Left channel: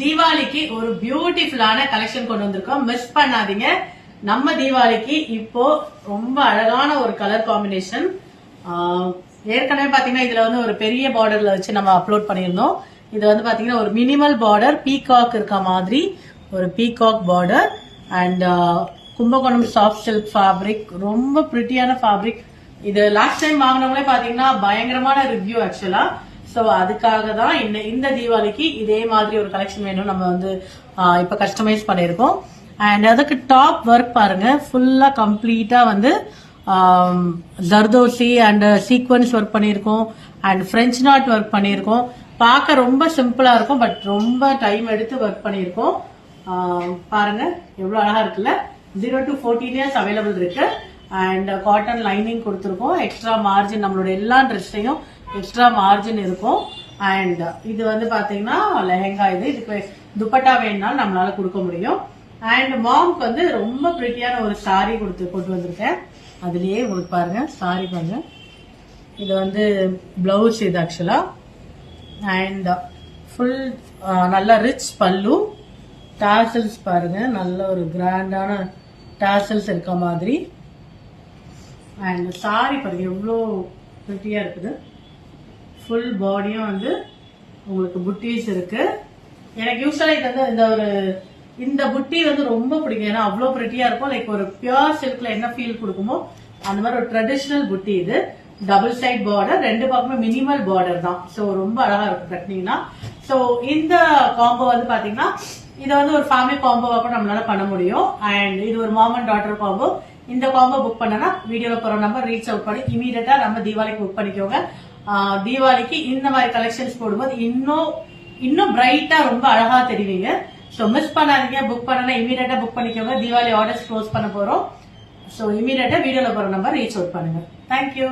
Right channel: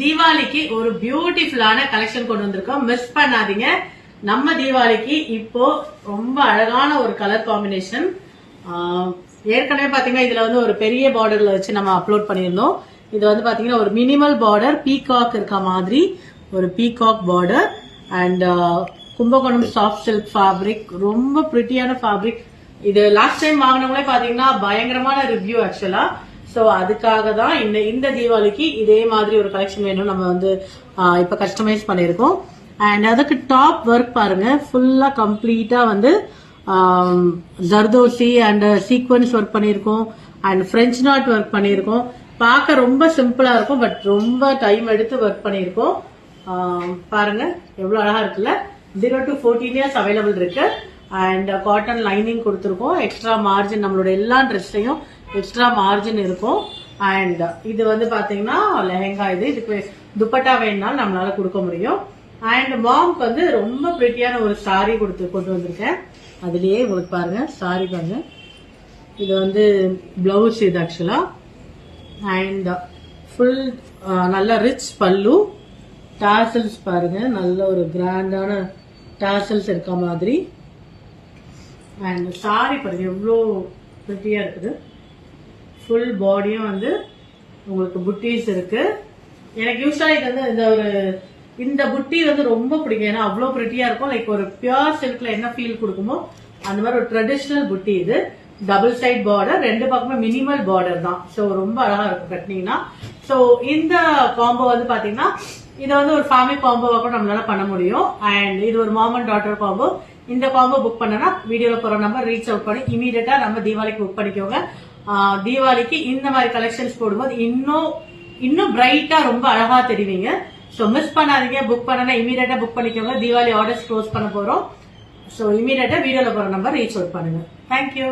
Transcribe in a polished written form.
தீபாவளிக்கு ஒரு பியூட்டிஃபுல்லான கலெக்ஷன் கொண்டு வந்திருக்கோம். மிஸ் பண்ணாதீங்க. நம்ம தீபாவளிக்கு இப்போ ரொம்ப அழகான ஒரு கலர் காம்பினேஷன். ஏற்கனவே பாத்தீங்கன்னா இதுல வந்து ஒரு பெரிய பார்டர்ல வச்சு நம்ம அப்லோட் பண்ணியிருந்தோம். இது வந்து பாத்தீங்கன்னா ஒரு மினிமல் பார்டர், பீகாக் இருக்க மாதிரி ஒரு peacock border and Kumbakonam soft silk fabric. ரொம்ப பிரிட்டியான ஃபேப்ரிக். இது லாஸ்ட் டைம் வாங்கினவங்களே பாத்தீங்கன்னா பயங்கரமான ரிவ்யூ ஆக்சுவலா. சோ அதுக்காக தான் இந்த தீபாவளிக்கு இதே மாதிரி ஒரு கலெக்ஷன் வேணும் நம்ம வந்து இப்ப கஸ்டமைஸ் பண்ணிருக்கோம். அண்ட் அதுக்கு டாப் ஒர்க் பாருங்க, ஃபுல்லா கம்ப்ளீட்டா வந்து ஜர்தோசி அண்ட் சீக்வன்ஸ் ஒர்க் பண்ணிருக்கோம் அண்ட் பிரெஞ்ச் நாட் ஒர்க் பண்ணிருக்கோம். பார்க்க ரொம்ப சிம்பிளா இருக்கும், பட் ரொம்ப டைம் எடுத்து ஒர்க் பண்ணிருக்கோம். பாருங்க எவ்வளவு அழகா இருக்குல்ல. 0 to 14 இயர்ஸ் அவைலபிள் இருக்கு. அண்ட் காட்டன் லைனிங் கொடுத்துருக்கோம். எக்ஸ்ட்ரா மார்ஜின் நம்மளோட எல்லா ட்ரெஸ்லையும் எக்ஸ்ட்ரா மார்ஜின் இருக்கும். அண்ட் இது வந்து பாத்தீங்கன்னா லெஹங்கா. இதுக்கு துப்பட்டா வேணும்னாலும் நம்மளால கொடுக்க முடியும். அண்ட் மாம்க்கு வந்து ரொம்ப பிரிட்டியான ஒரு சாரி கொண்டு வந்திருக்கேன். அதுலயே உங்களுக்கு பாருங்க சாரி பாருங்க. இது வந்து பிளவுஸ் இது ஆக்சுவலா. அண்ட் ஃபுல் நல்ல ரிச் பல்லு. டாசல்ஸ் பாருங்க, நல்ல ஒரு கிராண்டான டாசல்ஸ் இருக்க மாதிரி. அண்ட் சாரி பாருங்க எவ்வளோ பிரிட்டியா இருக்குது. ஃபுல் பாடியும் வந்து உங்களுக்கு புட்டீஸ் இருக்கு. எனக்கு யூஸ்வலா இது வந்து இந்த புட்டி வந்து ரொம்ப பிடிக்கும். ஏன்னா அவ்வளவு பிரிட்டியா இருக்கும். லைக் ஒரு பியூர் சில்க்ல என்ன ஃபீல் கொடுக்குமோ அந்த மாதிரி ஒரு ட்ரெடிஷனல் புட்டி. இது டபுள் சைட் பார்டர், ரெண்டு பக்கமே மினிமல் பார்டர் தான். சோ ரொம்ப அழகா இருக்கும் கட்டினீங்கன்னா. சோ இந்த காம்போ வந்து பாத்தீங்கன்னா இது வந்து ஒரு ஃபேமிலி காம்போவா கூட நம்மளால பண்ண முடியும். அண்ட் இது ஒரு மாம் அண்ட் டாட்டர் காம்போ. இந்த காம்போ புக் பண்ணனா வீடியோல போற நம்பர் ரீச் அவுட் பண்ணி இமீடியட்டா நம்ம தீபாவளிக்கு புக் பண்ணிக்கோங்க. தீபாவளிக்கு இந்த மாதிரி கலெக்ஷன்ஸ் போடும்போது இன்னும் பிரைட்டா ரொம்ப அழகா தெரிவிங்க. சோ மிஸ் பண்ணாதீங்க. புக் பண்ணனா இமீடியட்டா புக் பண்ணிக்கோங்க. தீபாவளி ஆர்டர்ஸ் க்ளோஸ் பண்ண போறோம். சோ இமீடியட்டா வீடியோல போற நம்பர் ரீச் அவுட் பண்ணுங்க. தேங்க்யூ.